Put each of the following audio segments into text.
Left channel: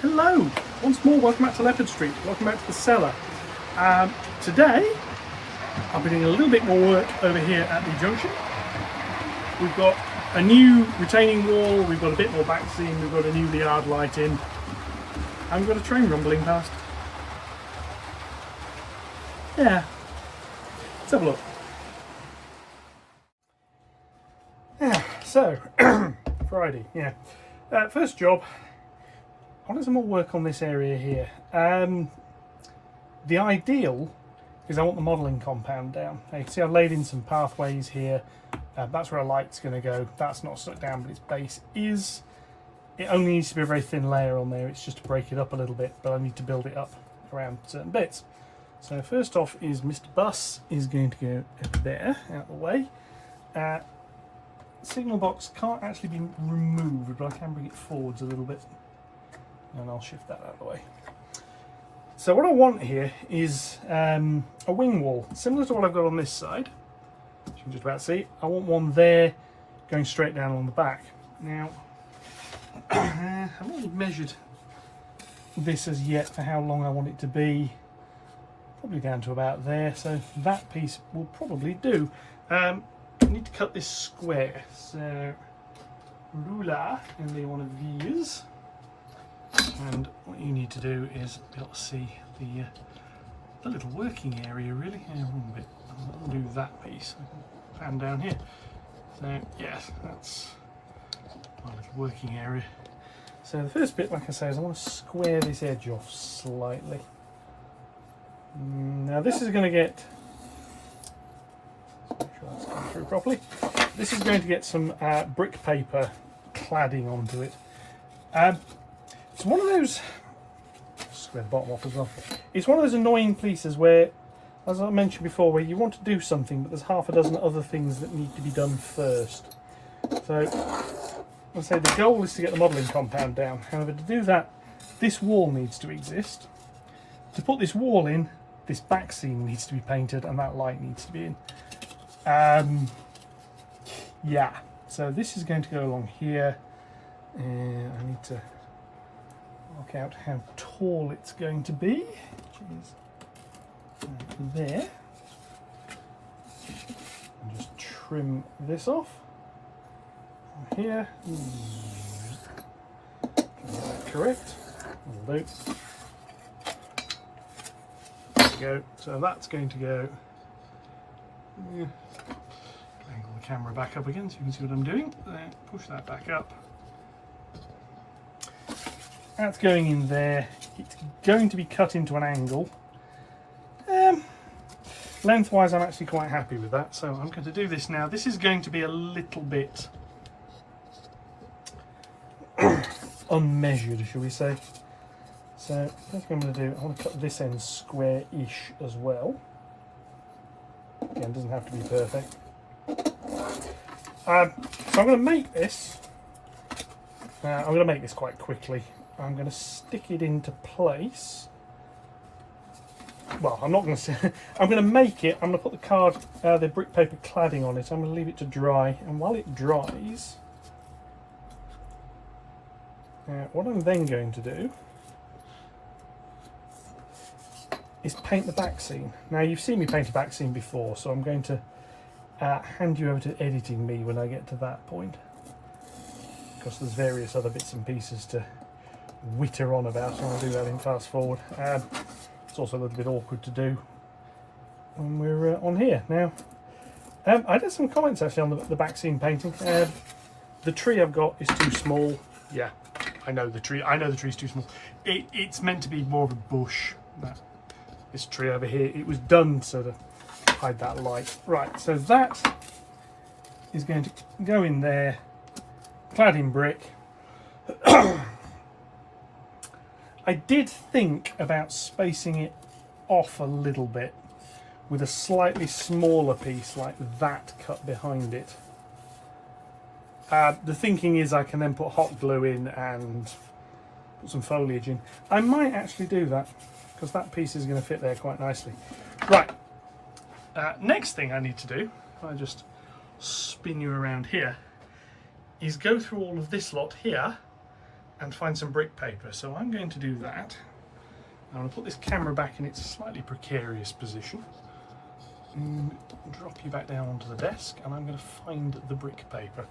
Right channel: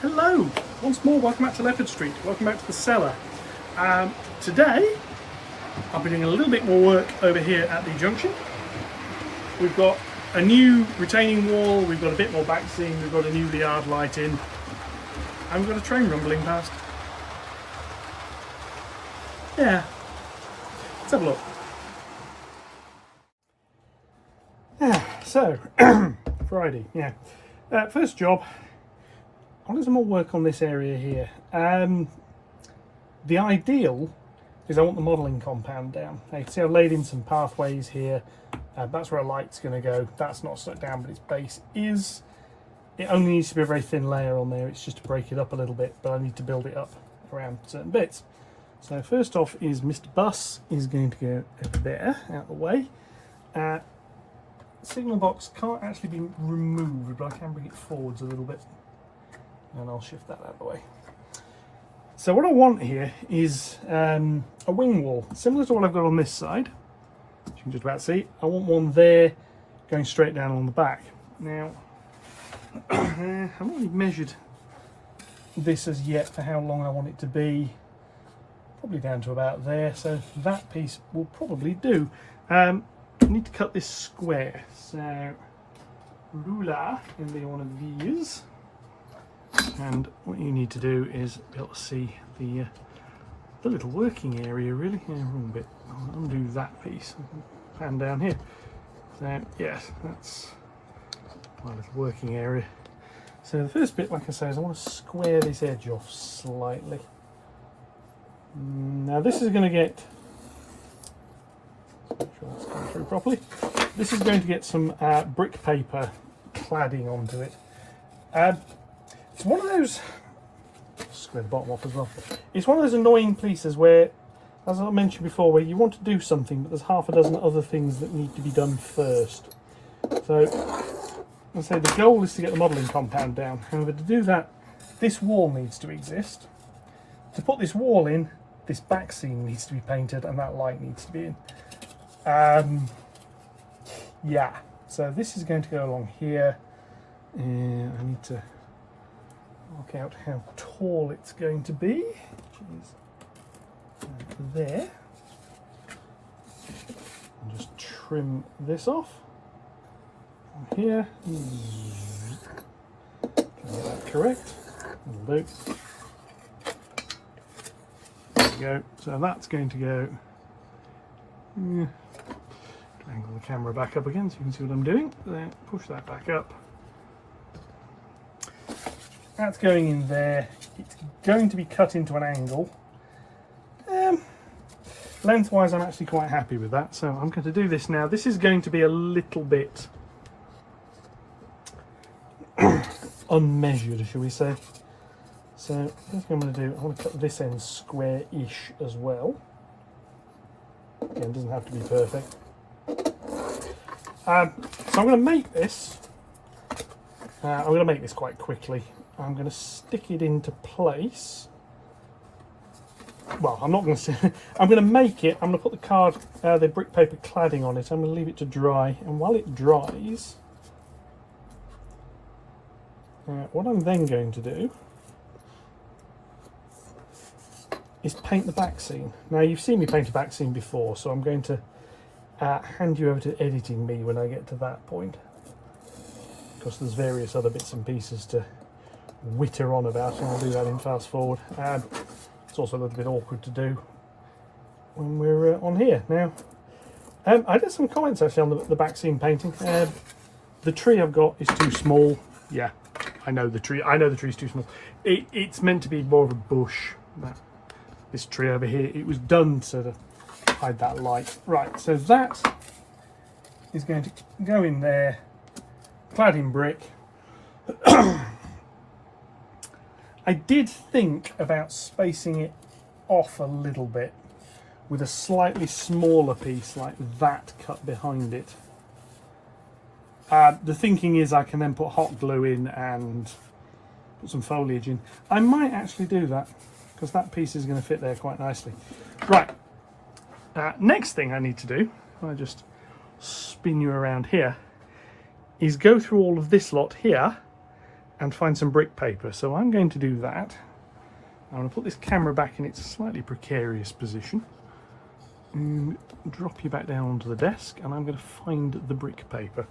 Hello, once more welcome back to Leopard Street, welcome back to the cellar. Today I'll be doing a little bit more work over here at the junction. We've got a new retaining wall, we've got a bit more backscene, we've got a new yard light in, and we've got a train rumbling past. Yeah, let's have a look. So, Friday, yeah. First job, I want some more work on this area here. The ideal is I want the modelling compound down. Now you can see I've laid in some pathways here. That's where a light's going to go. That's not stuck down, but its base is. It only needs to be a very thin layer on there. It's just to break it up a little bit, but I need to build it up around certain bits. So first off is Mr. Bus is going to go over there, out the way. Signal box can't actually be removed, but I can bring it forwards a little bit. And I'll shift that out of the way. So what I want here is a wing wall, similar to what I've got on this side, which you can just about see. I want one there going straight down on the back. Now, I haven't really measured this as yet for how long I want it to be. Probably down to about there, so that piece will probably do. I need to cut this square, so ruler is be one of these. And what you need to do is be able to see the little working area really. Yeah, a bit. I'll undo that piece. Pan down here. So yes, that's my little working area. So the first bit, like I say, is I want to square this edge off slightly. Now this is going to get. Make sure it's come through properly. This is going to get some brick paper cladding onto it. It's one of those, square the bottom off as well. It's one of those annoying pieces where, as I mentioned before, where you want to do something, but there's half a dozen other things that need to be done first. So, I say the goal is to get the modelling compound down. However, to do that, this wall needs to exist. To put this wall in, this back scene needs to be painted, and that light needs to be in. Yeah. So this is going to go along here. I need to work out how tall it's going to be, which is there. And just trim this off from here. Correct. Will do. There we go. So that's going to go. Angle the camera back up again so you can see what I'm doing. Then push that back up. That's going in there. It's going to be cut into an angle. Lengthwise, I'm actually quite happy with that. So I'm going to do this now. This is going to be a little bit unmeasured, shall we say. So that's what I'm going to do. I want to cut this end square-ish as well. Again, it doesn't have to be perfect. So I'm going to make this. I'm going to make this quite quickly. I'm going to stick it into place. Well, I'm not going to. I'm going to make it. I'm going to put the brick paper cladding on it. I'm going to leave it to dry, and while it dries, what I'm then going to do is paint the back scene. Now you've seen me paint a back scene before, so I'm going to hand you over to editing me when I get to that point, because there's various other bits and pieces to witter on about, and I'll do that in fast forward. It's also a little bit awkward to do when we're on here. Now, I did some comments actually on the back scene painting. The tree I've got is too small. Yeah, I know the tree. I know the tree's too small. It's meant to be more of a bush. This tree over here, it was done so to hide that light. Right, so that is going to go in there, clad in brick. I did think about spacing it off a little bit with a slightly smaller piece like that cut behind it. The thinking is I can then put hot glue in and put some foliage in. I might actually do that, because that piece is going to fit there quite nicely. Right, next thing I need to do, I'm going to just spin you around here, is go through all of this lot here and find some brick paper. So I'm going to do that. I'm going to put this camera back in its slightly precarious position and drop you back down onto the desk, and I'm going to find the brick paper.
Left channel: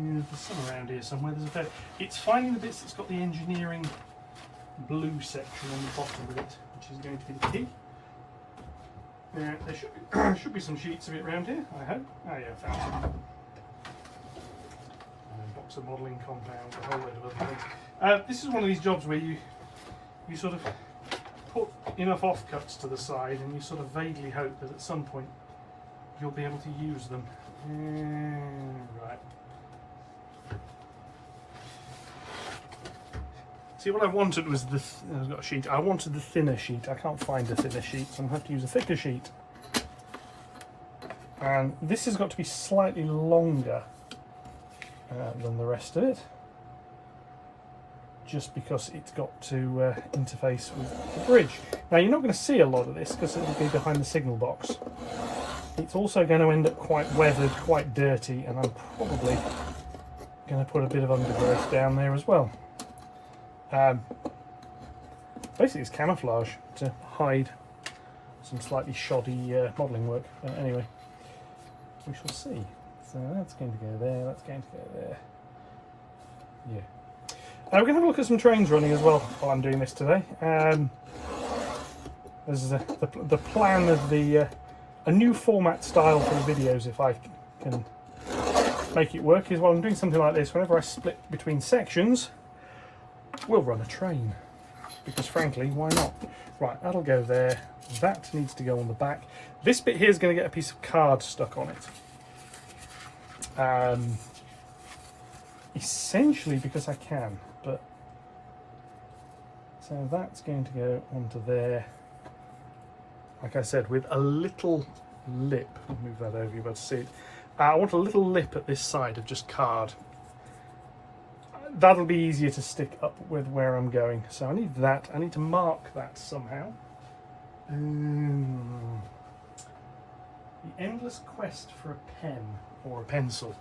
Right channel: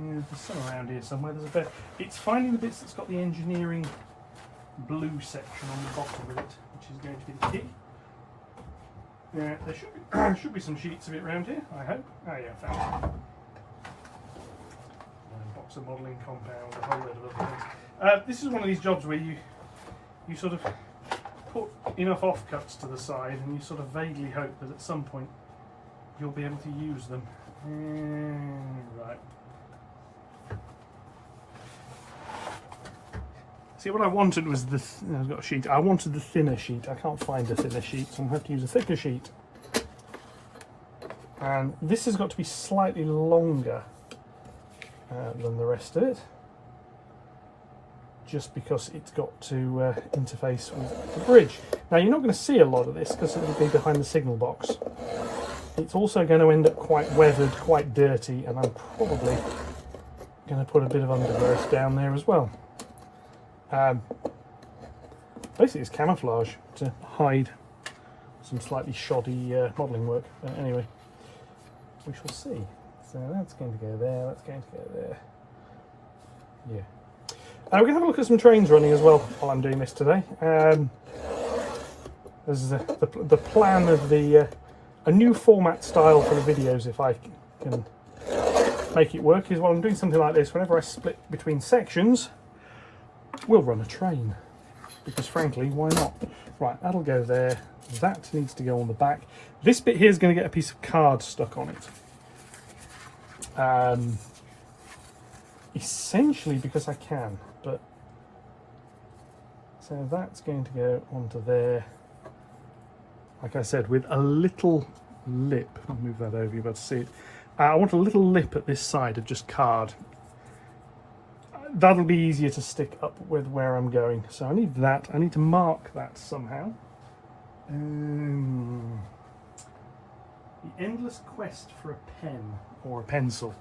There's some around here somewhere. There's a bit. It's finding the bits that's got the engineering blue section on the bottom of it, which is going to be the key. There should be some sheets of it around here, I hope. Oh yeah, found some. Box of modelling compound, a whole load of other things. This is one of these jobs where you sort of put enough offcuts to the side and you sort of vaguely hope that at some point you'll be able to use them. Right. See, what I wanted was I've got a sheet. I wanted the thinner sheet. I can't find a thinner sheet, so I'm going to have to use a thicker sheet. And this has got to be slightly longer than the rest of it, just because it's got to interface with the bridge. Now, you're not going to see a lot of this because it'll be behind the signal box. It's also going to end up quite weathered, quite dirty, and I'm probably going to put a bit of undergrowth down there as well. Basically it's camouflage to hide some slightly shoddy modelling work. Anyway, we shall see. So that's going to go there, that's going to go there. Yeah. We're going to have a look at some trains running as well while I'm doing this today. This is the plan of a new format style for the videos, if I can make it work, is while I'm doing something like this, whenever I split between sections, we'll run a train, because frankly, why not? Right, that'll go there. That needs to go on the back. This bit here is going to get a piece of card stuck on it. Essentially because I can, but so that's going to go onto there. Like I said, with a little lip. I'll move that over, you're about to see it. I want a little lip at this side of just card. That'll be easier to stick up with where I'm going. So I need that. I need to mark that somehow. The endless quest for a pen or a pencil.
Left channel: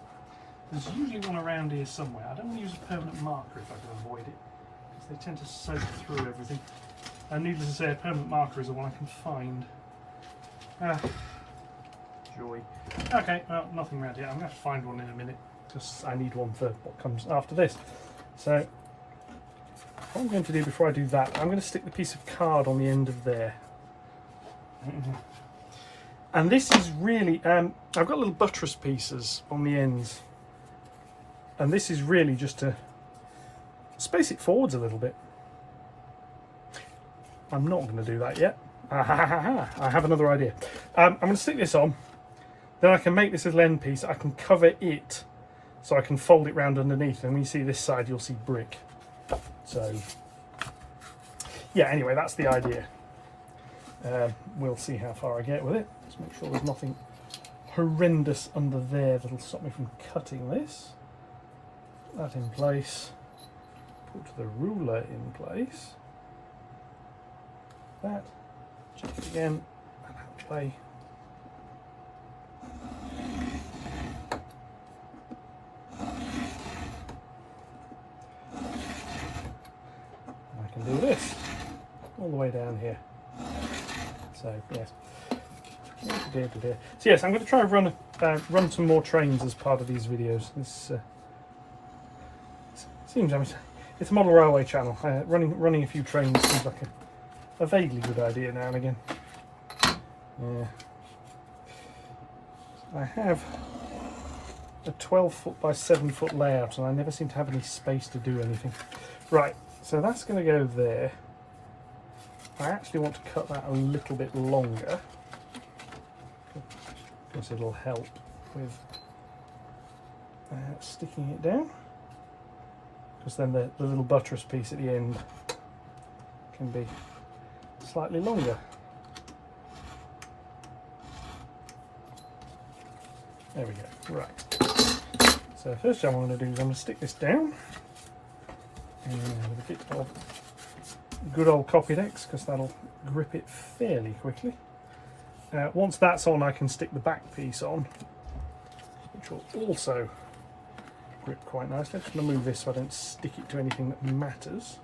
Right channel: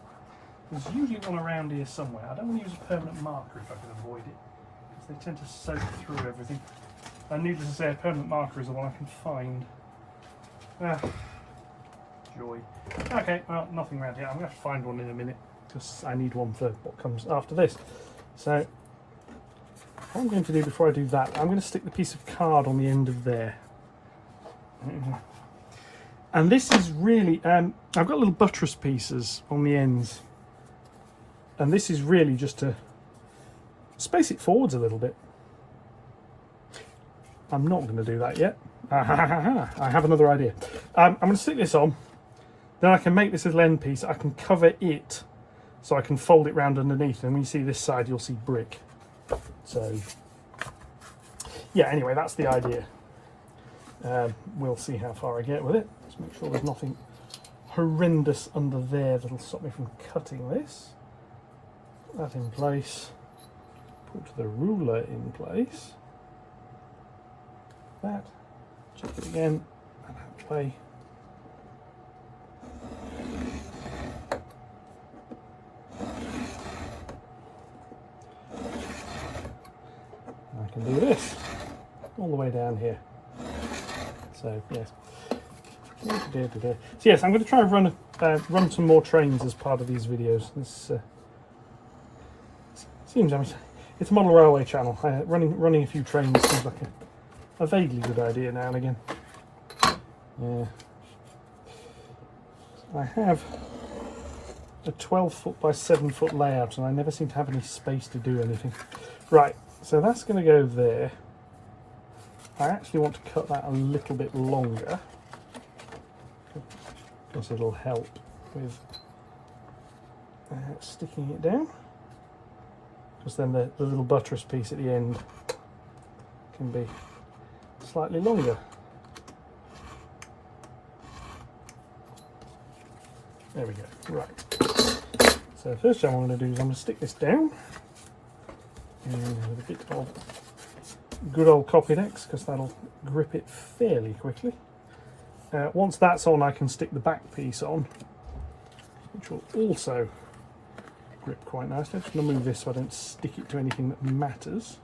There's usually one around here somewhere. I don't want to use a permanent marker if I can avoid it, because they tend to soak through everything. And needless to say, a permanent marker is the one I can find. Joy. Okay, well, nothing around here. I'm going to have to find one in a minute, because I need one for what comes after this. So what I'm going to do before I do that, I'm going to stick the piece of card on the end of there. And this is really, I've got little buttress pieces on the ends, and this is really just to space it forwards a little bit. I'm not going to do that yet. I have another idea. I'm going to stick this on, then I can make this little end piece. I can cover it so I can fold it round underneath, and when you see this side you'll see brick. So yeah, anyway, that's the idea. We'll see how far I get with it. Let's make sure there's nothing horrendous under there that'll stop me from cutting this. Put that in place. Put the ruler in place. That. Check it again. And play. I can do this all the way down here. So yes. So yes, I'm going to try and run some more trains as part of these videos. This seems, it's a model railway channel. Running a few trains seems like a vaguely good idea now and again. Yeah. I have a 12-foot by 7-foot layout, and I never seem to have any space to do anything. Right, so that's going to go there. I actually want to cut that a little bit longer, because it'll help with sticking it down, because then the little buttress piece at the end can be slightly longer. There we go. Right. So first thing I'm going to do is I'm going to stick this down with a bit of good old Copydex, because that'll grip it fairly quickly. Once that's on, I can stick the back piece on, which will also grip quite nicely. I'm just going to move this so I don't stick it to anything that matters,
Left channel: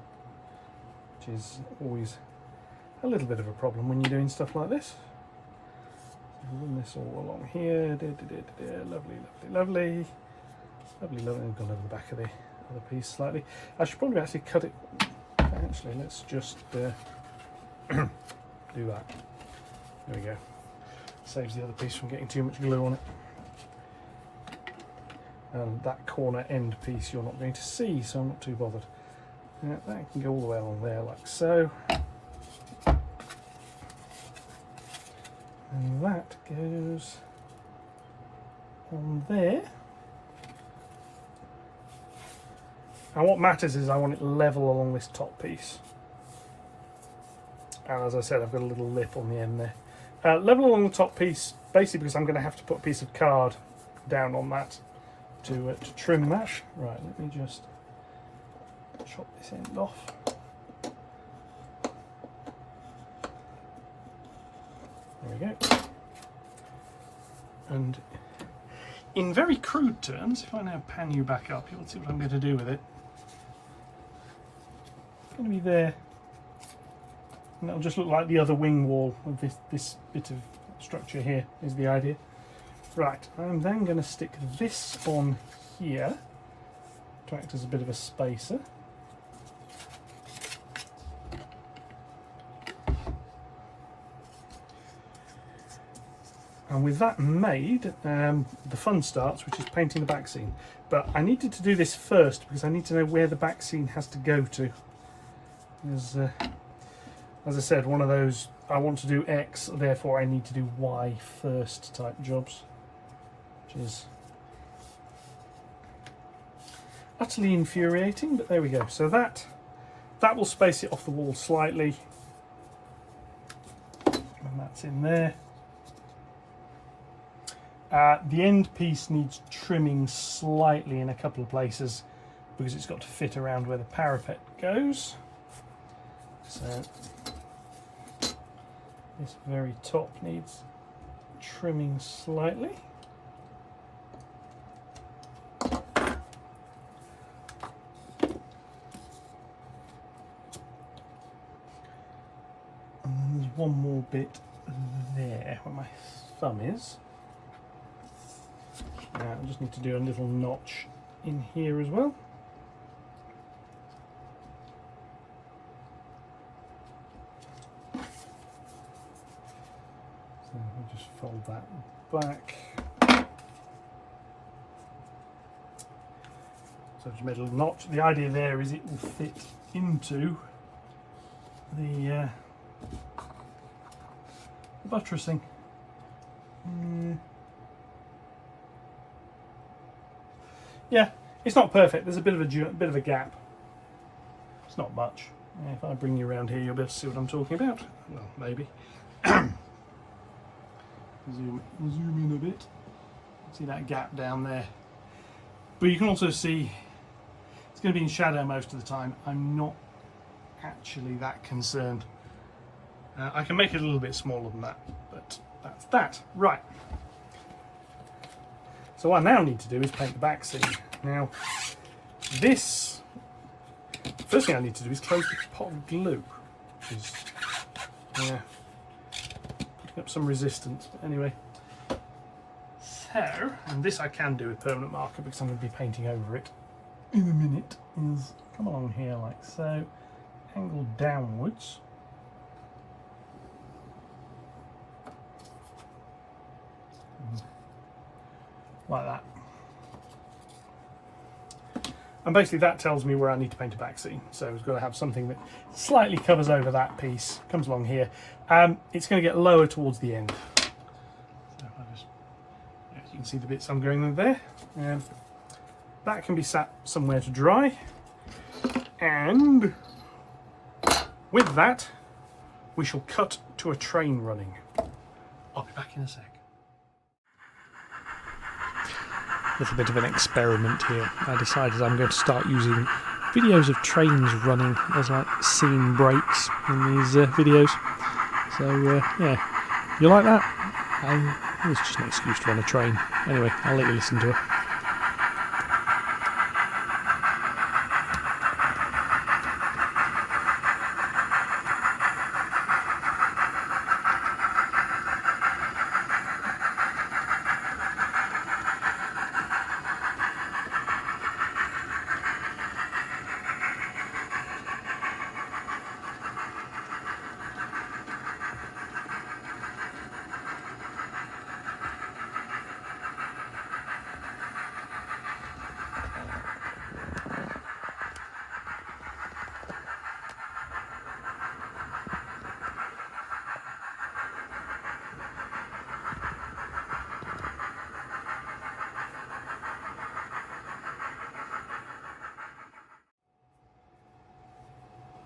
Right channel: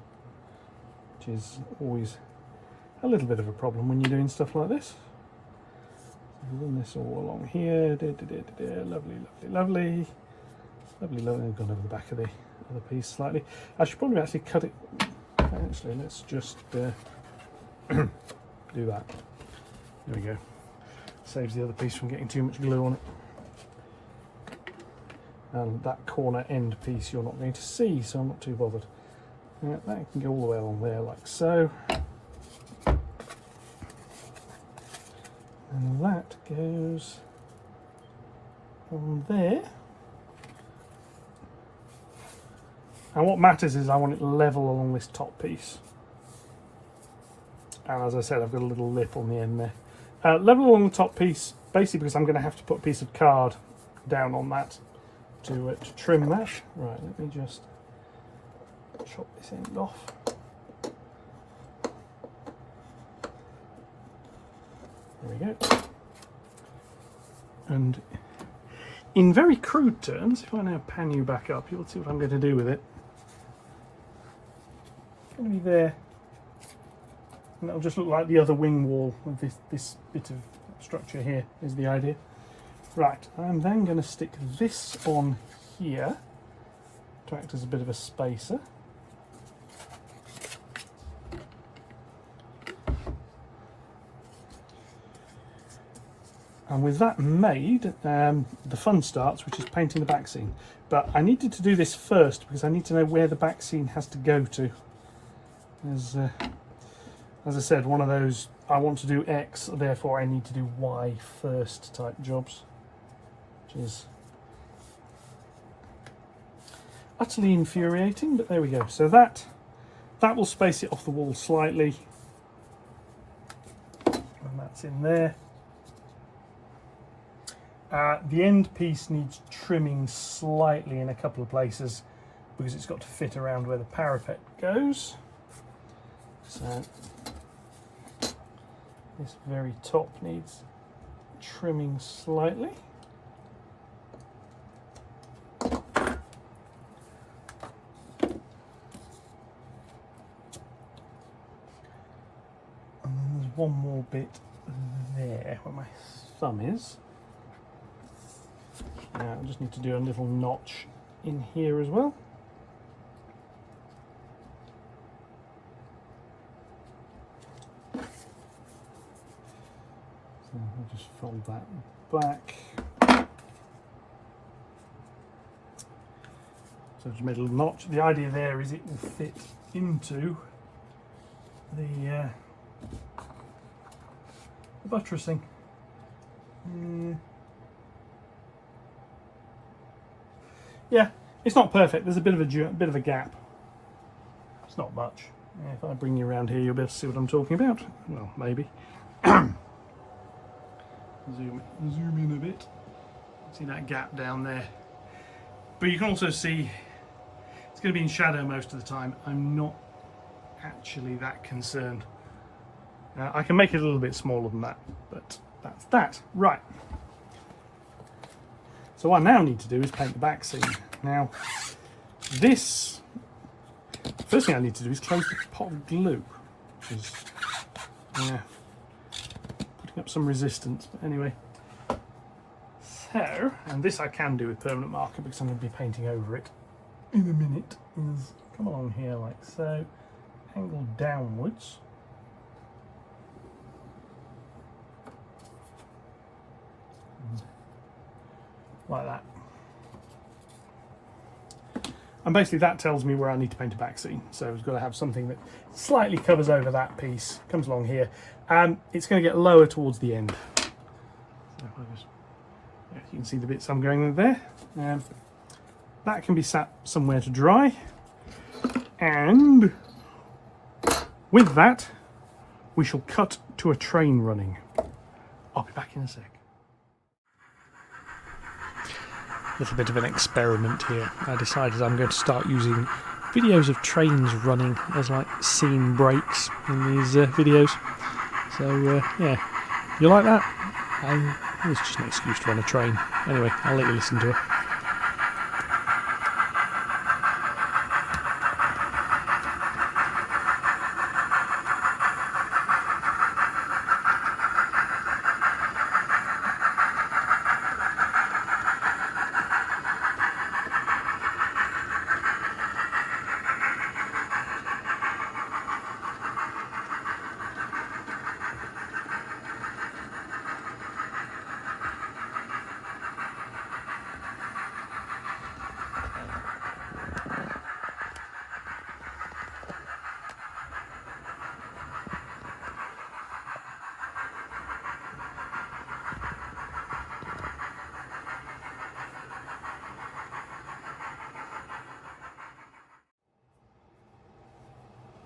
which is always a little bit of a problem when you're doing stuff like this. So run this all along here. Lovely, lovely, lovely. Lovely, lovely. I've gone over the back of the other piece slightly. I should probably actually cut it. Actually, let's just do that. There we go. Saves the other piece from getting too much glue on it. And that corner end piece you're not going to see, so I'm not too bothered. That can go all the way along there like so. And that goes on there. And what matters is I want it level along this top piece. And as I said, I've got a little lip on the end there. Level along the top piece, basically because I'm going to have to put a piece of card down on that to trim that. Right, let me just chop this end off. There we go. And in very crude terms, if I now pan you back up, you'll see what I'm going to do with it. It's going to be there. And it'll just look like the other wing wall of this bit of structure here is the idea. Right, I'm then going to stick this on here to act as a bit of a spacer. And with that made, the fun starts, which is painting the back scene. But I needed to do this first because I need to know where the back scene has to go to. As I said, one of those, I want to do X, therefore I need to do Y first type jobs. Which is utterly infuriating, but there we go. So that will space it off the wall slightly. And that's in there. The end piece needs trimming slightly in a couple of places because it's got to fit around where the parapet goes. So this very top needs trimming slightly. And then there's one more bit there where my thumb is. Now I just need to do a little notch in here as well. So I'll just fold that back. So just made a little notch. The idea there is it will fit into the buttressing. Yeah, it's not perfect. There's a bit of a gap. It's not much. If I bring you around here, you'll be able to see what I'm talking about. Well, maybe. Zoom in a bit. See that gap down there. But you can also see it's going to be in shadow most of the time. I'm not actually that concerned. I can make it a little bit smaller than that, but that's that. Right. So what I now need to do is paint the back scene. Now, this, first thing I need to do is close the pot of glue, which is, yeah, putting up some resistance. But anyway, so, and this I can do with permanent marker because I'm going to be painting over it in a minute, is come along here like so, angle downwards. Like that. And basically that tells me where I need to paint a back scene. So it's got to have something that slightly covers over that piece, comes along here. It's going to get lower towards the end. So you can see the bits I'm going with there. That can be sat somewhere to dry. And with that, we shall cut to a train running. I'll be back in a sec. Little bit of an experiment here. I decided I'm going to start using videos of trains running as like scene breaks in these videos. So yeah, you like that? It's just an excuse to run a train. Anyway, I'll let you listen to it.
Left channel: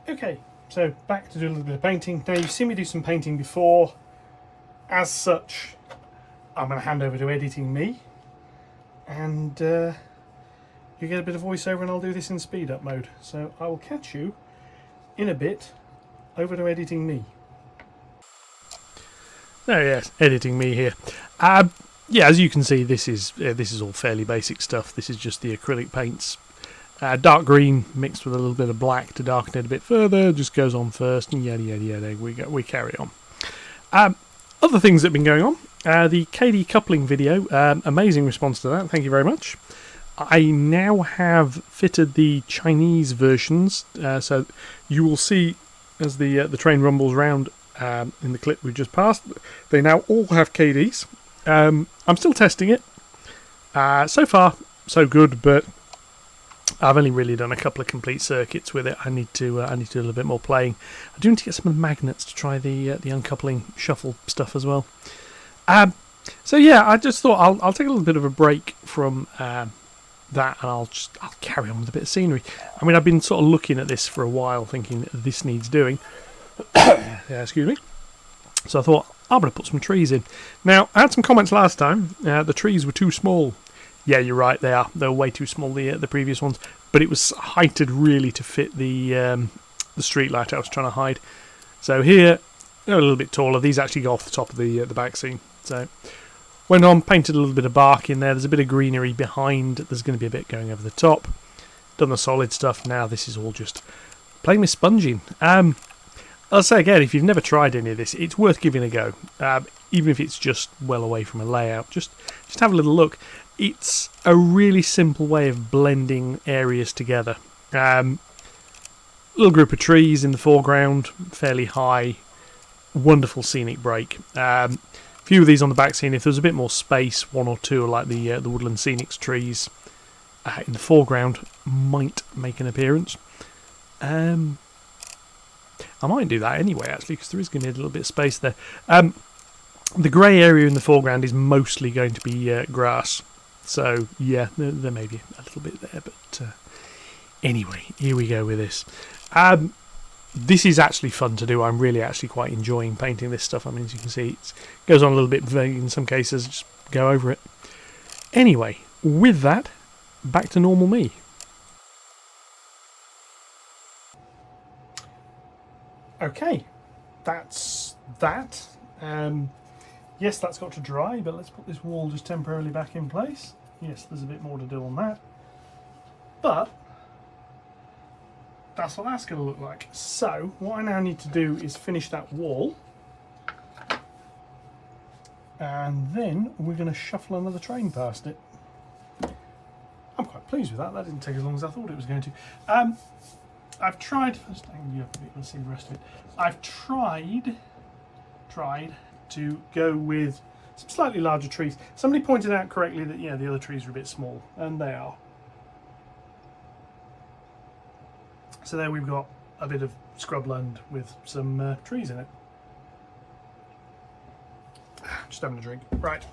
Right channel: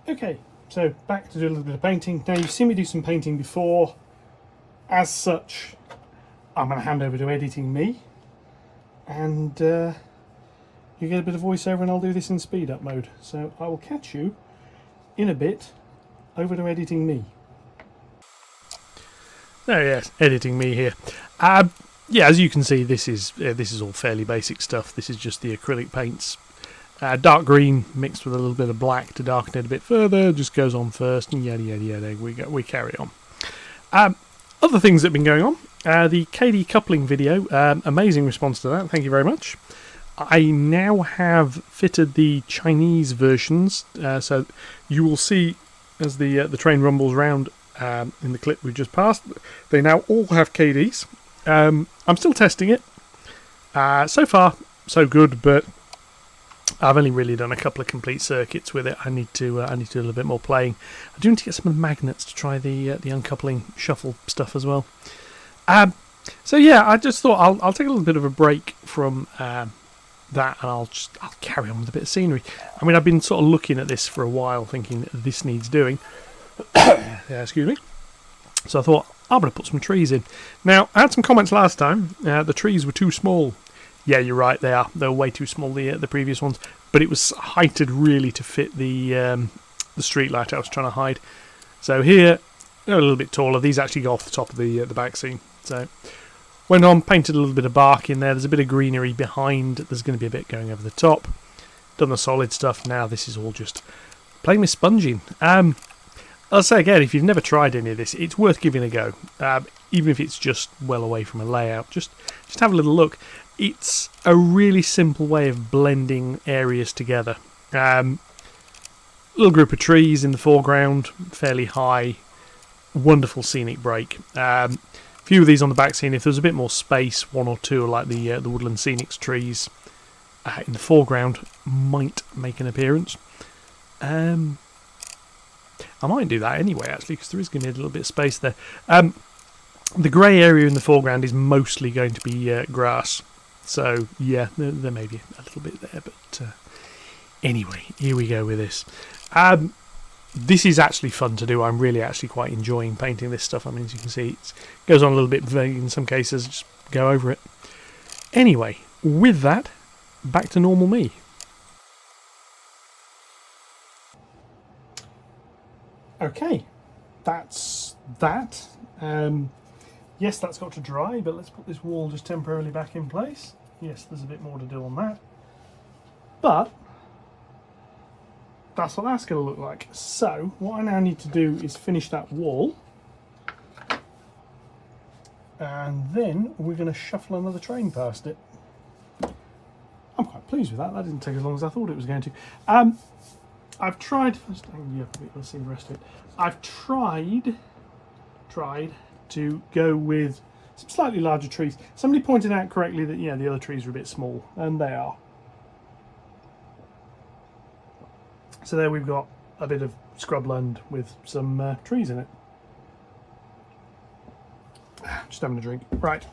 Okay, so back to do a little bit of painting. Now you've seen me do some painting before. As such, I'm going to hand over to editing me, and you get a bit of voiceover, and I'll do this in speed up mode. So I will catch you in a bit. Over to editing me. Oh yes, editing me here. Yeah, as you can see, this is all fairly basic stuff. This is just the acrylic paints. Dark green mixed with a little bit of black to darken it a bit further. Just goes on first, and yada yada yada. We carry on. Other things that have been going on. The KD coupling video. Amazing response to that. Thank you very much. I now have fitted the Chinese versions, so you will see as the train rumbles round in the clip we just passed. They now all have KDs. I'm still testing it. So far, so good, but I've only really done a couple of complete circuits with it. I need to do a little bit more playing. I do need to get some of the magnets to try the uncoupling shuffle stuff as well. So yeah, I just thought I'll take a little bit of a break from that, and I'll carry on with a bit of scenery. I mean, I've been sort of looking at this for a while, thinking this needs doing. Yeah, excuse me. So I thought I'm going to put some trees in. Now, I had some comments last time. The trees were too small. Yeah, you're right. They are. They're way too small. The previous ones, but it was heighted really to fit the street light I was trying to hide. So here, they're a little bit taller. These actually go off the top of the back scene. So went on, painted a little bit of bark in there. There's a bit of greenery behind. There's going to be a bit going over the top. Done the solid stuff. Now this is all just playing with sponging. I'll say again, if you've never tried any of this, it's worth giving a go. Even if it's just well away from a layout, just have a little look. It's a really simple way of blending areas together. Little group of trees in the foreground, fairly high, wonderful scenic break. Few of these on the back scene. If there's a bit more space, one or two like the Woodland Scenics trees in the foreground might make an appearance. I might do that anyway, actually, because there is going to be a little bit of space there. The grey area in the foreground is mostly going to be grass. So, yeah, there may be a little bit there. But anyway, here we go with this. This is actually fun to do. I'm really actually quite enjoying painting this stuff. I mean, as you can see, it goes on a little bit vague in some cases. Just go over it. Anyway, with that, back to normal me. Okay, that's that. Yes, that's got to dry, but let's put this wall just temporarily back in place. Yes, there's a bit more to do on that. But that's what that's going to look like. So what I now need to do is finish that wall. And then we're going to shuffle another train past it. I'm quite pleased with that. That didn't take as long as I thought it was going to. I've tried. Let's see the rest of it. I've tried to go with some slightly larger trees. Somebody pointed out correctly that the other trees are a bit small, and they are. So there we've got a bit of scrubland with some trees in it. Just having a drink. Right.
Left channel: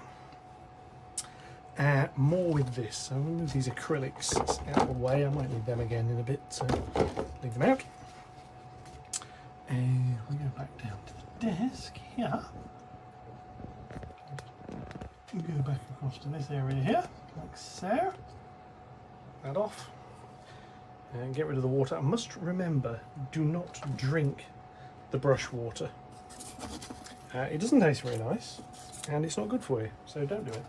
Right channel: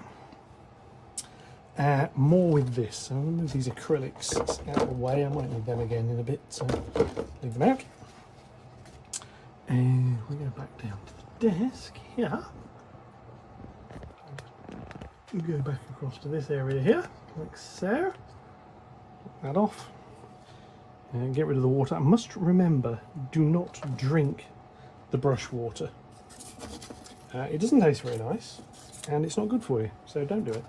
More with this. So I'm going to move these acrylics out of the way. I might need them again in a bit, so leave them out. And we'll go back down to the desk here. We'll go back across to this area here, like so. Get that off. And get rid of the water. I must remember, do not drink the brush water. It doesn't taste very nice, and it's not good for you, so don't do it.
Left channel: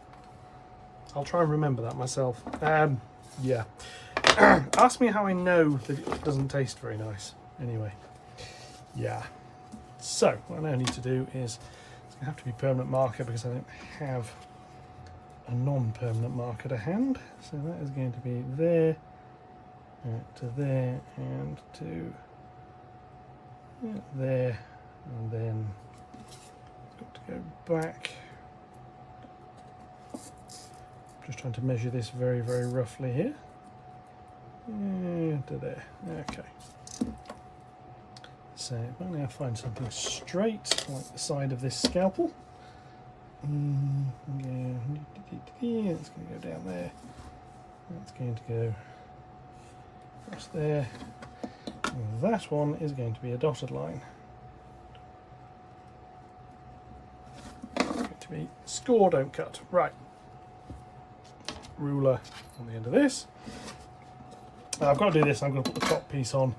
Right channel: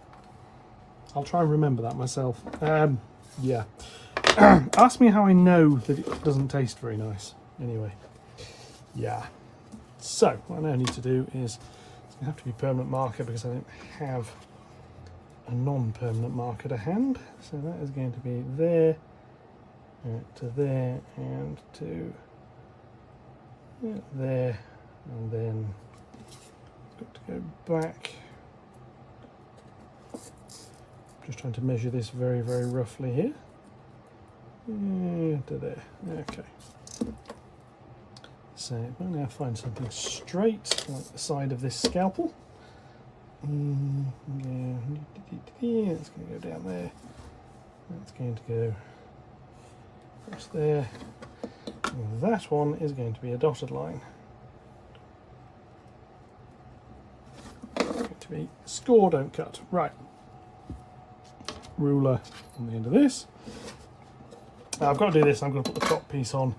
I'll try and remember that myself. Yeah. Ask me how I know that it doesn't taste very nice. Anyway. Yeah. So, what I now need to do is, it's going to have to be permanent marker because I don't have a non-permanent marker to hand. So that is going to be there, to there, and to there, and then it's got to go back. Just trying to measure this very, very roughly here. To there. Okay. So if I now find something straight, like the side of this scalpel. Yeah, it's going to go down there. That's going to go across there. And that one is going to be a dotted line. It's going to be score, don't cut. Right. Ruler on the end of this. Now I've got to do this, I'm going to put the top piece on.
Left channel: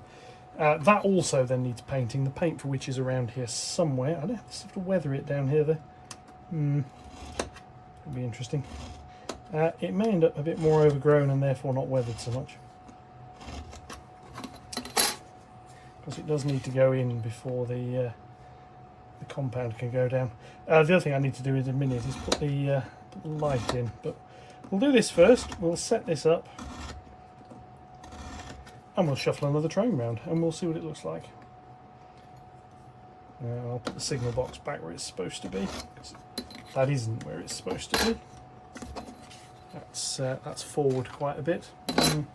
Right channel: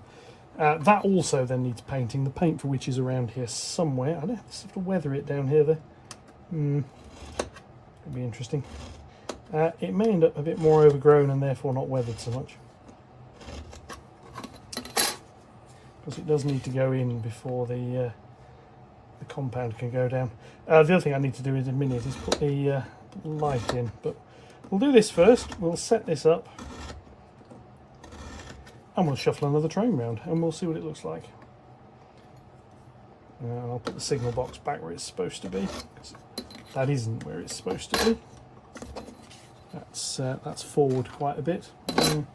That also then needs painting, the paint for which is around here somewhere. I don't have to weather it down here though. It'll be interesting. It may end up a bit more overgrown and therefore not weathered so much. Because it does need to go in before the compound can go down. The other thing I need to do in a minute is put the light in, but we'll do this first. We'll set this up and we'll shuffle another train round and we'll see what it looks like. I'll put the signal box back where it's supposed to be, because that isn't where it's supposed to be. That's forward quite a bit. In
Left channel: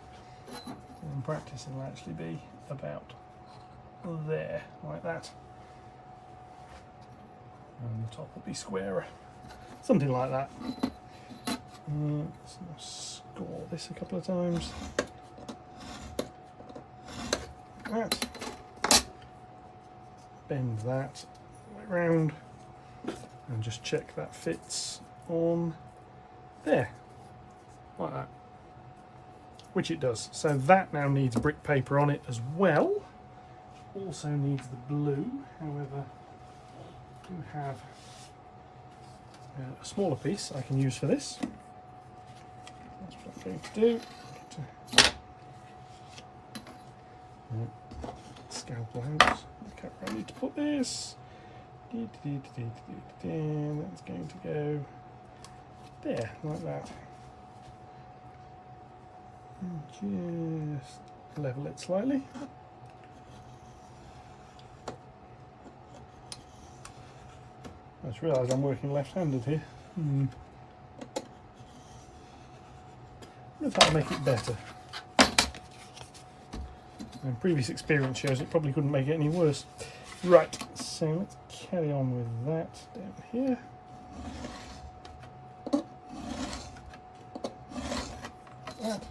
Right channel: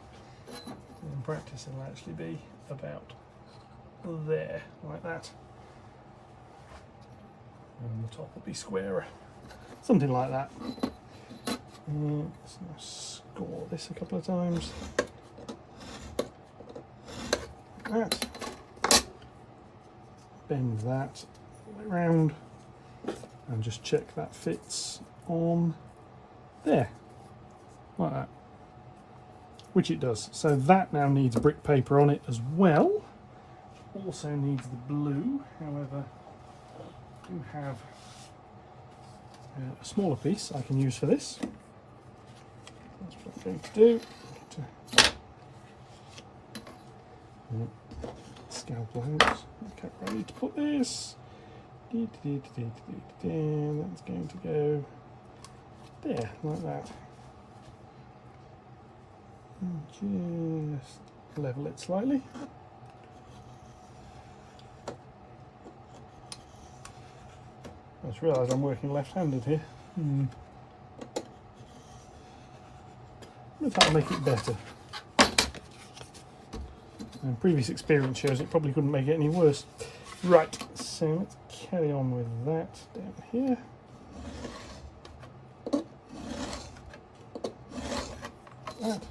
practice it'll actually be about there, like that. And the top will be squarer. Something like that. Let's now score this a couple of times. Like that. Bend that all the way around. And just check that fits on there. Like that. Which it does. So that now needs brick paper on it as well. Also needs the blue, however, I do have a smaller piece I can use for this. That's what I'm going to do. Scalpel out. Okay, I need to put this. That's going to go there, like that. And just level it slightly. I just realised I'm working left-handed here. If that'll make it better. And previous experience shows it probably couldn't make it any worse. Right, so let's carry on with that down here. That.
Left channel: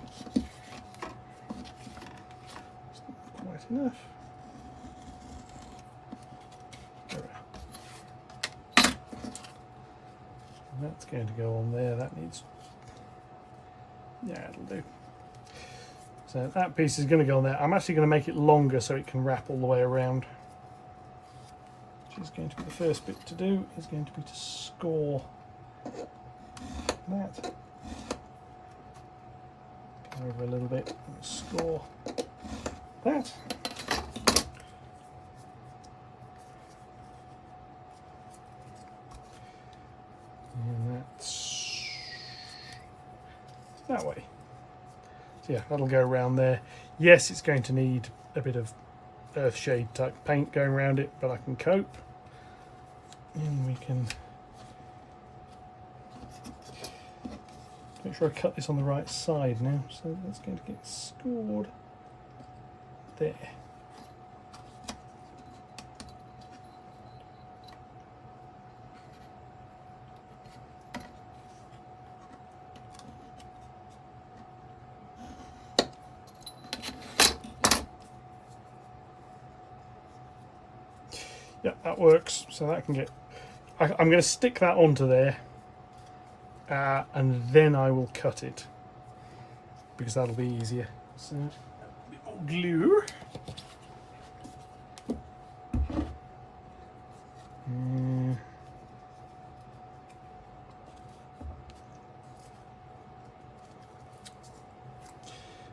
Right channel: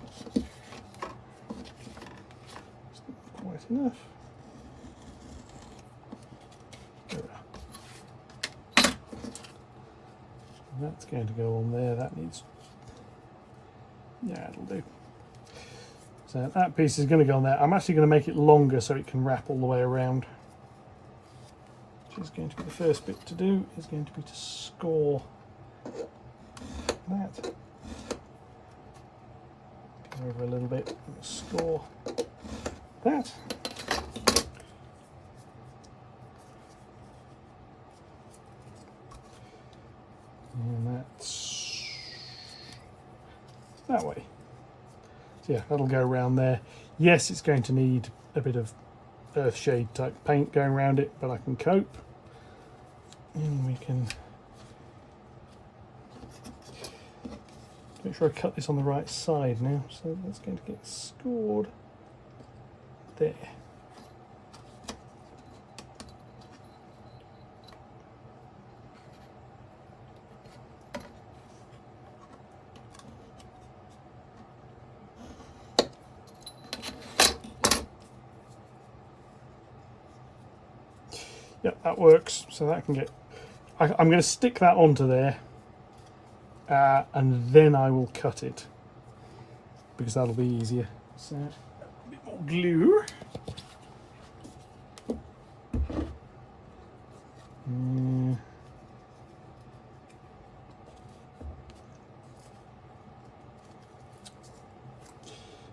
Quite enough. That's going to go on there. That needs, yeah, it'll do. So that piece is going to go on there. I'm actually going to make it longer so it can wrap all the way around. Which is going to be the first bit to do, is going to be to score that. Go over a little bit and score that. And that's that way. So yeah, that'll go around there. Yes, it's going to need a bit of earthshade type paint going around it, but I can cope. And we can make sure I cut this on the right side now. So that's going to get scored there. Yep, that works. So that can get. I'm going to stick that onto there, and then I will cut it because that'll be easier. So a bit more glue.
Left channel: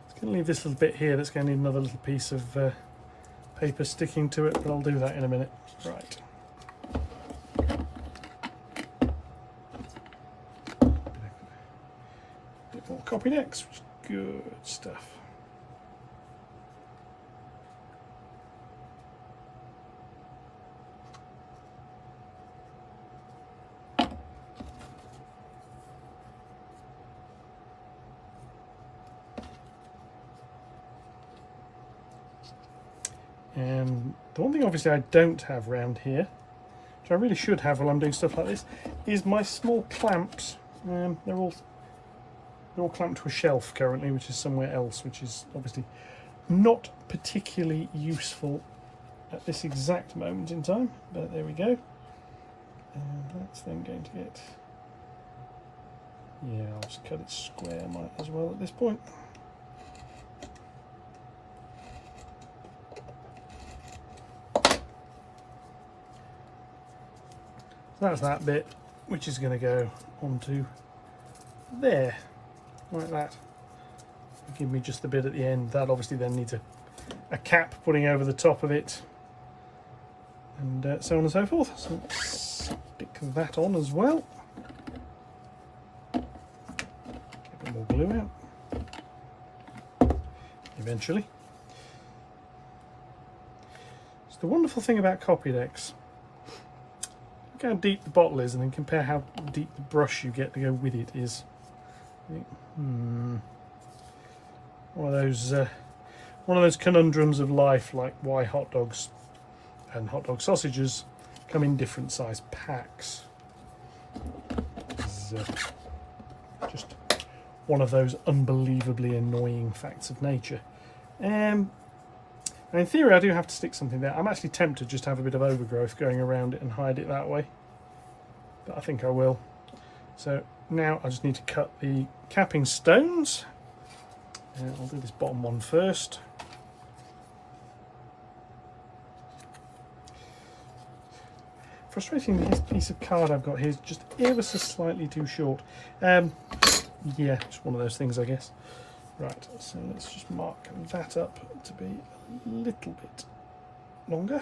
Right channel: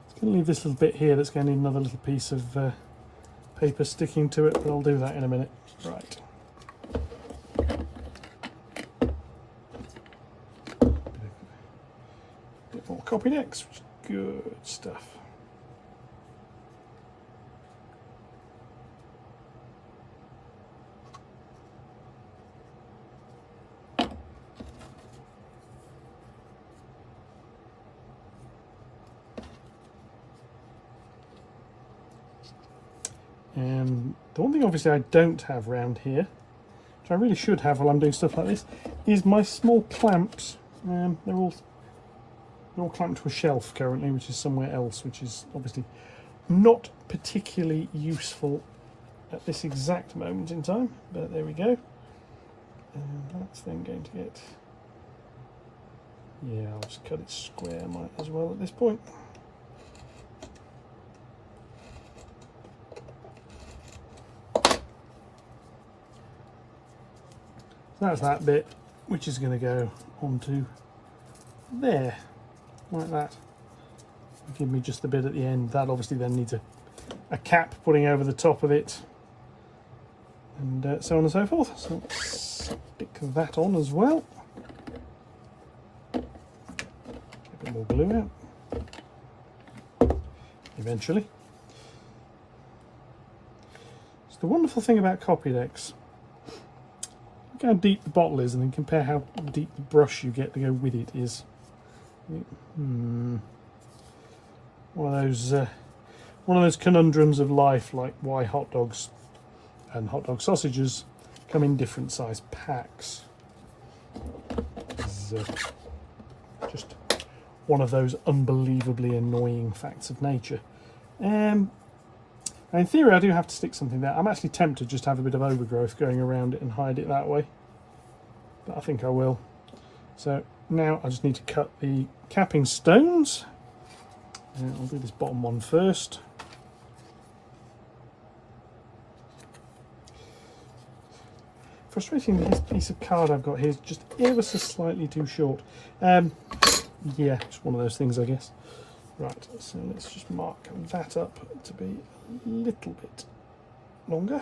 Just going to leave this little bit here. That's going to need another little piece of paper sticking to it, but I'll do that in a minute. Right. Bit more copy next, which is good stuff. And the one thing obviously I don't have round here, which I really should have while I'm doing stuff like this, is my small clamps. They're all clamped to a shelf currently, which is somewhere else, which is obviously Not particularly useful at this exact moment in time, but there we go. And that's then going to get, yeah, I'll just cut it square might as well at this point. So that's that bit, which is going to go onto there, like that. Give me just the bit at the end. That obviously then needs a cap putting over the top of it, and so on and so forth. So let's stick that on as well. Get a bit more glue out eventually. So the wonderful thing about copy decks, look how deep the bottle is and then compare how deep the brush you get to go with it is. One of those conundrums of life, like why hot dogs and hot dog sausages come in different size packs. It's just one of those unbelievably annoying facts of nature. In theory, I do have to stick something there. I'm actually tempted just to have a bit of overgrowth going around it and hide it that way, but I think I will. So now I just need to cut the capping stones. I'll do this bottom one first. Frustrating, this piece of card I've got here is just ever so slightly too short. Yeah, it's one of those things, I guess. Right, so let's just mark that up to be a little bit longer.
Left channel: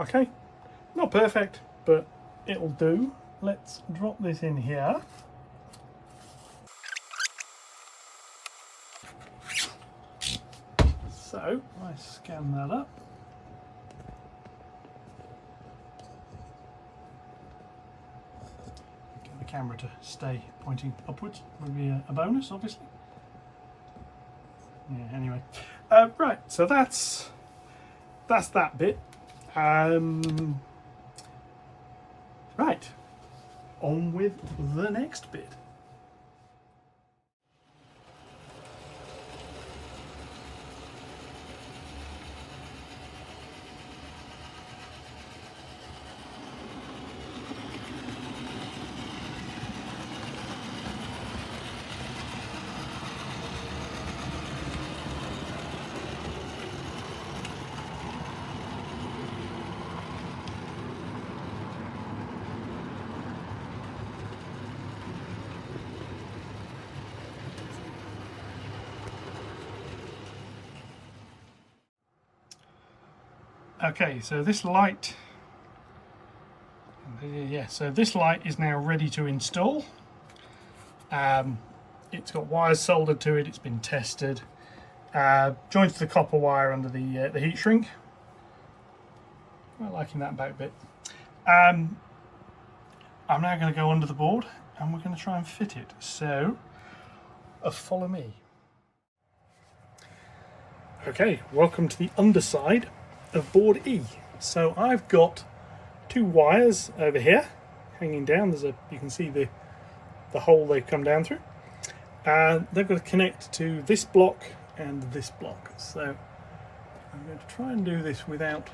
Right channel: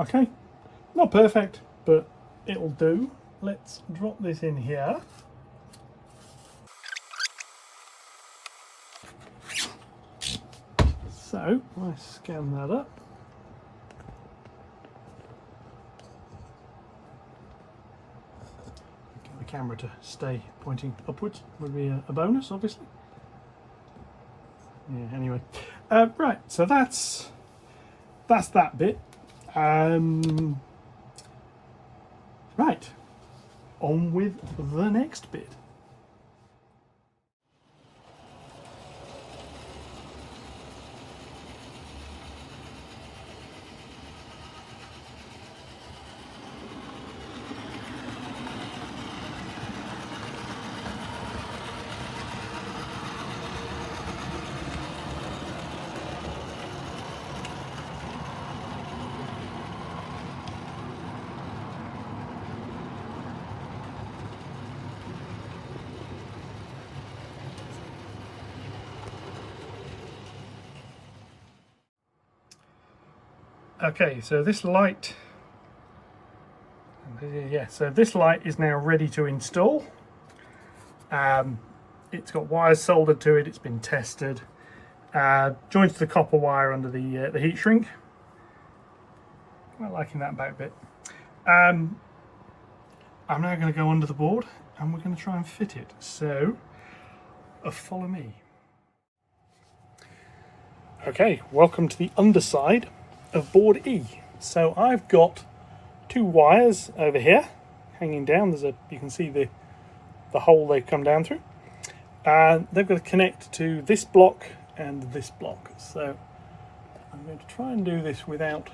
Okay, not perfect, but it'll do. Let's drop this in here. So, I scan that up. Get the camera to stay pointing upwards would be a bonus, obviously. Yeah, anyway. Right, so that's that bit. Right, on with the next bit. Okay, so this light, this light is now ready to install. It's got wires soldered to it, it's been tested, joined to the copper wire under the heat shrink. Not liking that back bit. I'm now going to go under the board and we're going to try and fit it, so follow me. Okay, welcome to the underside of board E. So I've got two wires over here hanging down. You can see the hole they come down through. They've got to connect to this block and this block. So I'm going to try and do this without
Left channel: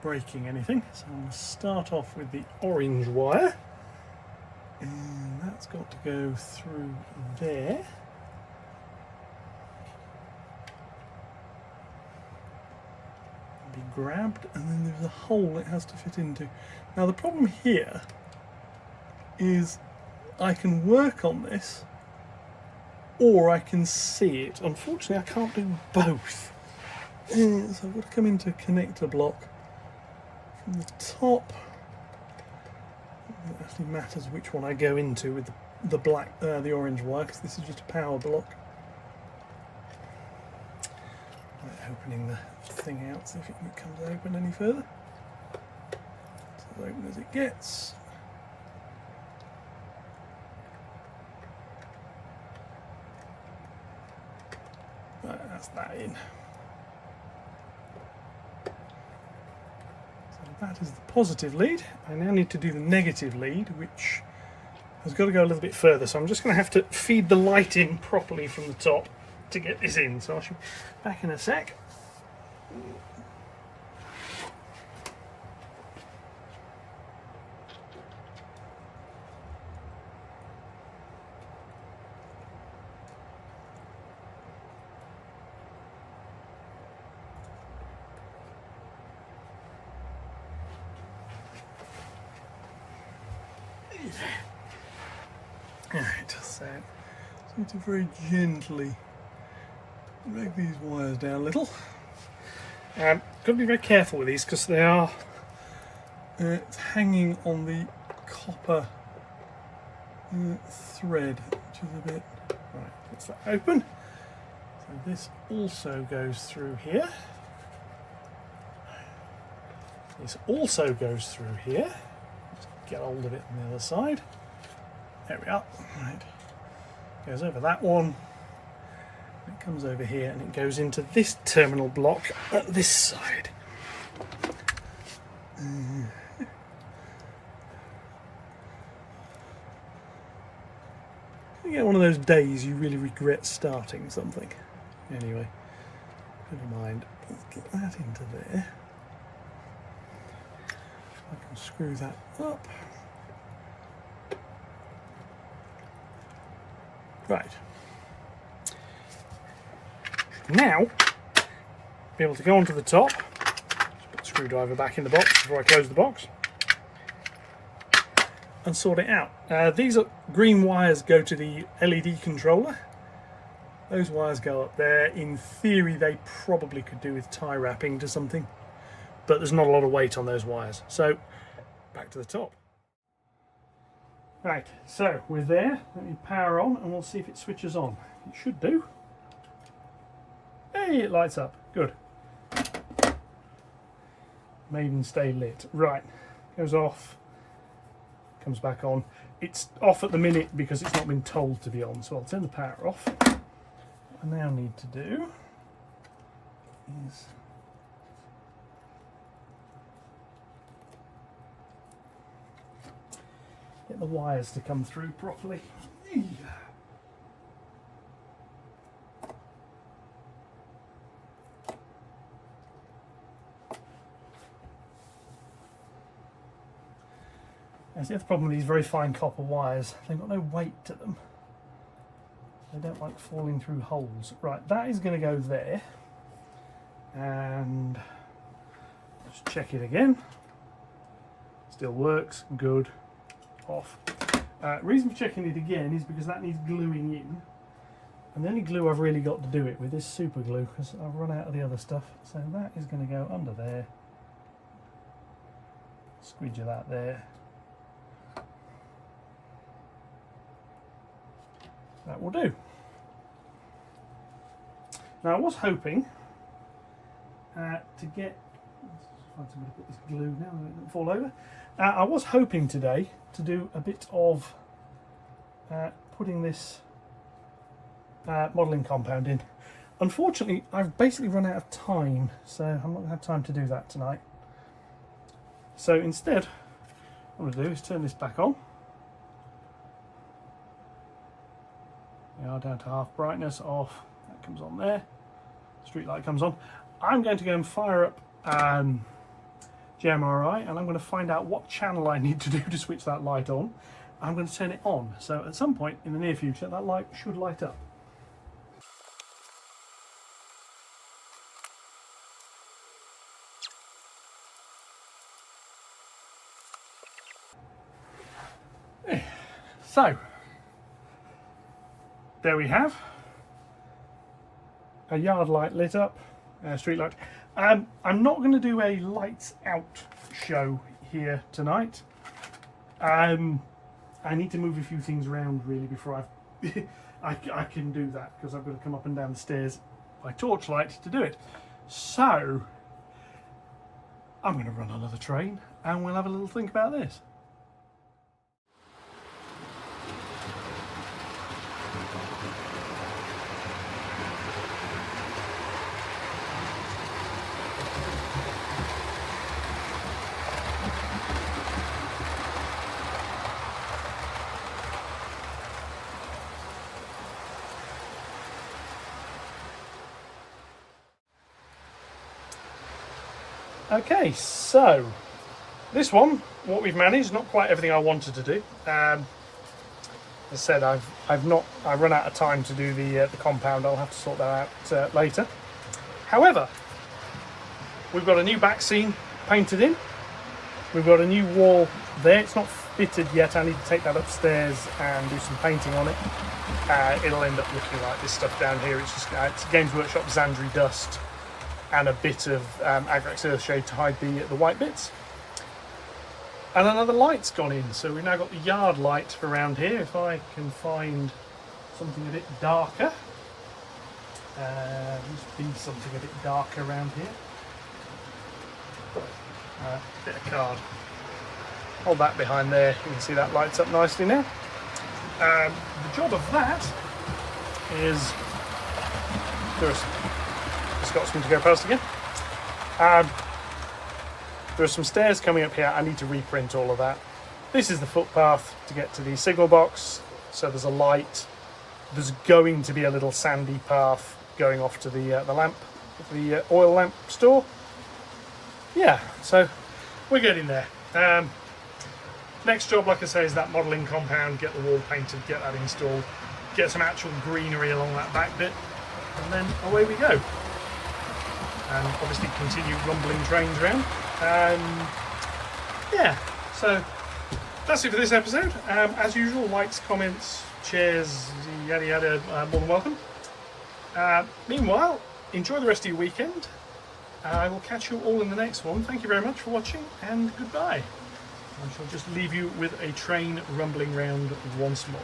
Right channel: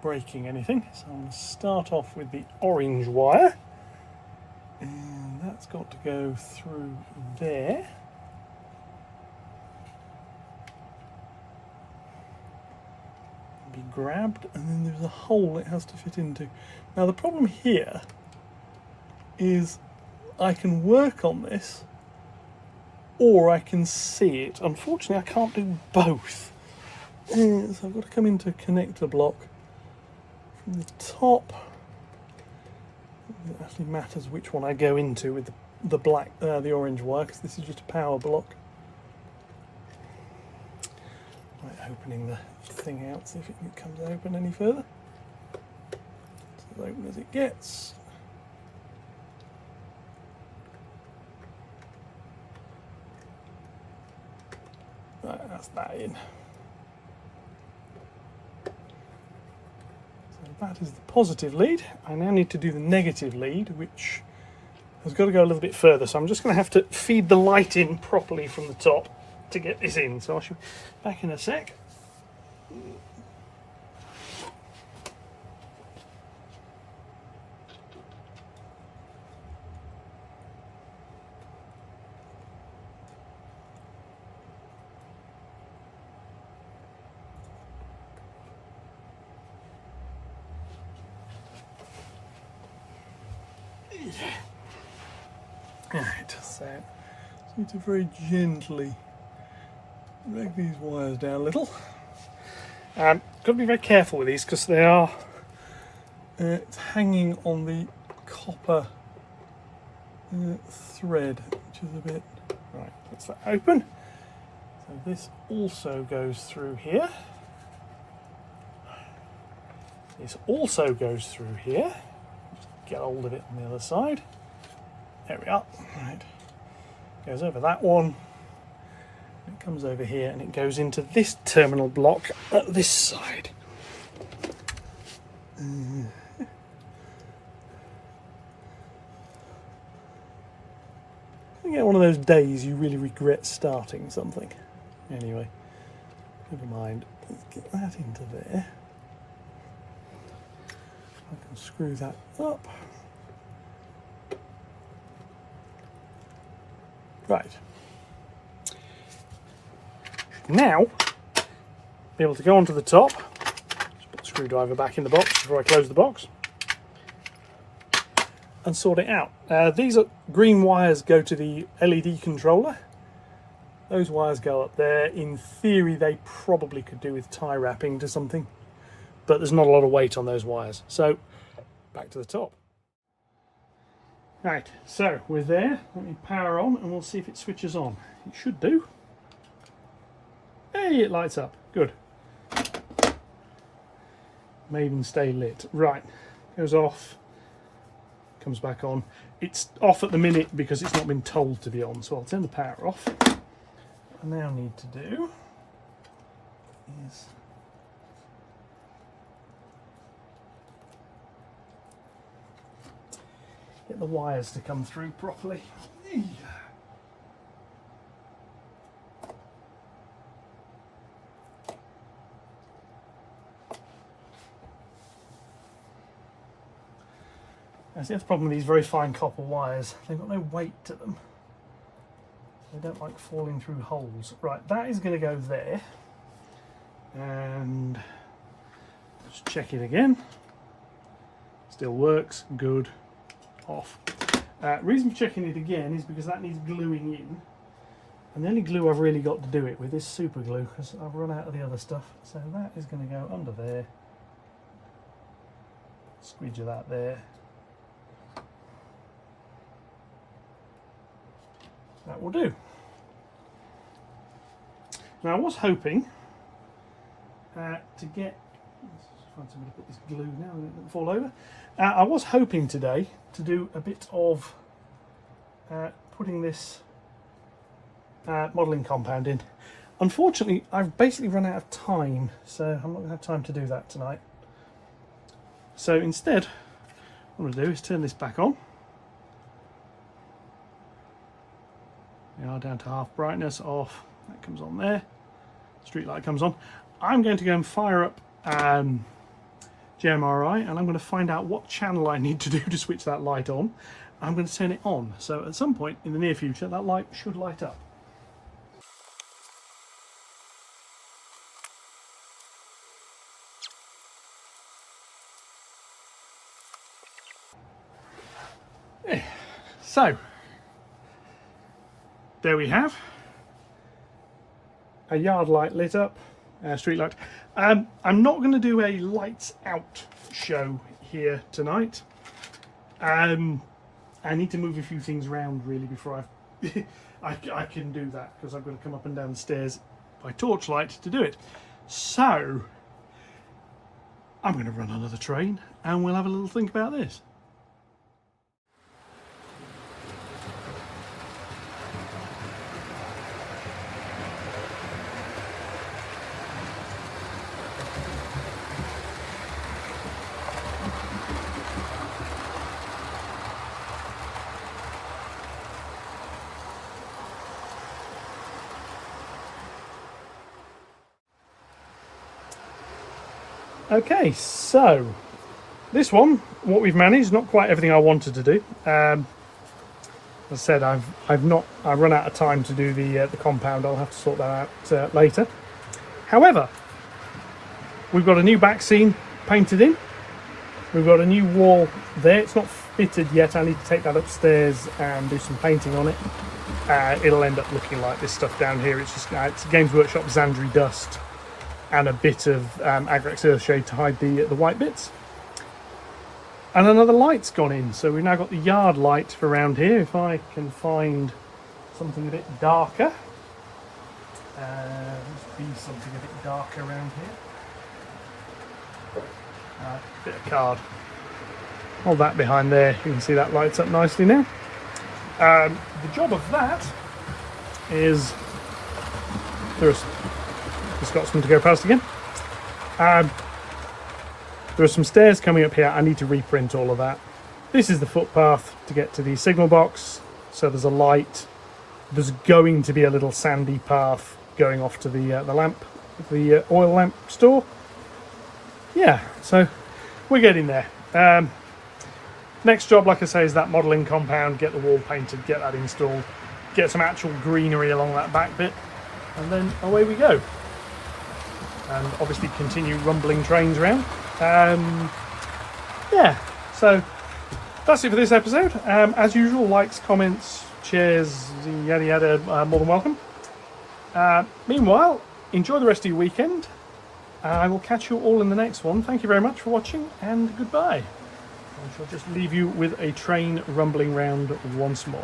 breaking anything. So I'm going to start off with the orange wire, and that's got to go through there. Be grabbed, and then there's a hole it has to fit into. Now the problem here is I can work on this or I can see it. Unfortunately I can't do both, so I've got to come into a connector block from the top. It actually matters which one I go into with the orange wire, because this is just a power block. Right, opening the thing out, see if it comes open any further. It's as open as it gets. Right, that's that in. So that is the positive lead. I now need to do the negative lead, which has got to go a little bit further. So I'm just going to have to feed the light in properly from the top to get this in. So I should be back in a sec. Right, so I need to very gently drag these wires down a little. Got to be very careful with these because they are hanging on the copper thread, which is a bit... Right, let's that open. So this also goes through here. This also goes through here. Let's get hold of it on the other side. There we are. Right. Goes over that one. It comes over here and it goes into this terminal block at this side. You get one of those days you really regret starting something. Anyway, never mind. Let's get that into there. I can screw that up. Right. Now, be able to go onto the top. Just put the screwdriver back in the box before I close the box. And sort it out. These green wires go to the LED controller. Those wires go up there. In theory, they probably could do with tie wrapping to something. But there's not a lot of weight on those wires. So, back to the top. Right, so we're there. Let me power on and we'll see if it switches on. It should do. Hey, it lights up. Good. May even stay lit. Right, goes off, comes back on. It's off at the minute because it's not been told to be on, so I'll turn the power off. What I now need to do is get the wires to come through properly. That's the other problem with these very fine copper wires. They've got no weight to them. They don't like falling through holes. Right, that is going to go there. And let's check it again. Still works. Good. Off. Reason for checking it again is because that needs gluing in, and the only glue I've really got to do it with is super glue because I've run out of the other stuff. So that is going to go under there. Squidge that there. That will do. Now I was hoping to get... Find somewhere to put this glue now so it doesn't fall over. I was hoping today to do a bit of putting this modelling compound in. Unfortunately, I've basically run out of time, so I'm not going to have time to do that tonight. So instead, what I'm going to do is turn this back on. We are down to half brightness, off. That comes on there. Street light comes on. I'm going to go and fire up JMRI, and I'm going to find out what channel I need to do to switch that light on. I'm going to turn it on, so at some point in the near future that light should light up. So there we have a yard light lit up, street light. I'm not going to do a lights out show here tonight. I need to move a few things around really before I can do that, because I've got to come up and down the stairs by torchlight to do it. So I'm going to run another train and we'll have a little think about this. Okay, so this one, what we've managed, not quite everything I wanted to do. As I said, I've run out of time to do the compound. I'll have to sort that out later. However, we've got a new back scene painted in. We've got a new wall there. It's not fitted yet. I need to take that upstairs and do some painting on it. It'll end up looking like this stuff down here. It's just it's Games Workshop Xandri dust and a bit of Agrex Earthshade to hide the white bits. And another light's gone in, so we've now got the yard light around here. If I can find something a bit darker, must be something a bit darker around here. Bit of card. All that behind there, you can see that lights up nicely now. The job of that is just got some to go past again. There are some stairs coming up here. I need to reprint all of that. This is the footpath to get to the signal box. So there's a light. There's going to be a little sandy path going off to the lamp, the oil lamp store. Yeah, so we're getting there. Next job, like I say, is that modelling compound. Get the wall painted, get that installed, get some actual greenery along that back bit, and then away we go. And obviously continue rumbling trains around. Yeah, so that's it for this episode. As usual, likes, comments, shares, yada yada, more than welcome. Meanwhile, enjoy the rest of your weekend. I will catch you all in the next one. Thank you very much for watching, and goodbye. I shall just leave you with a train rumbling round once more.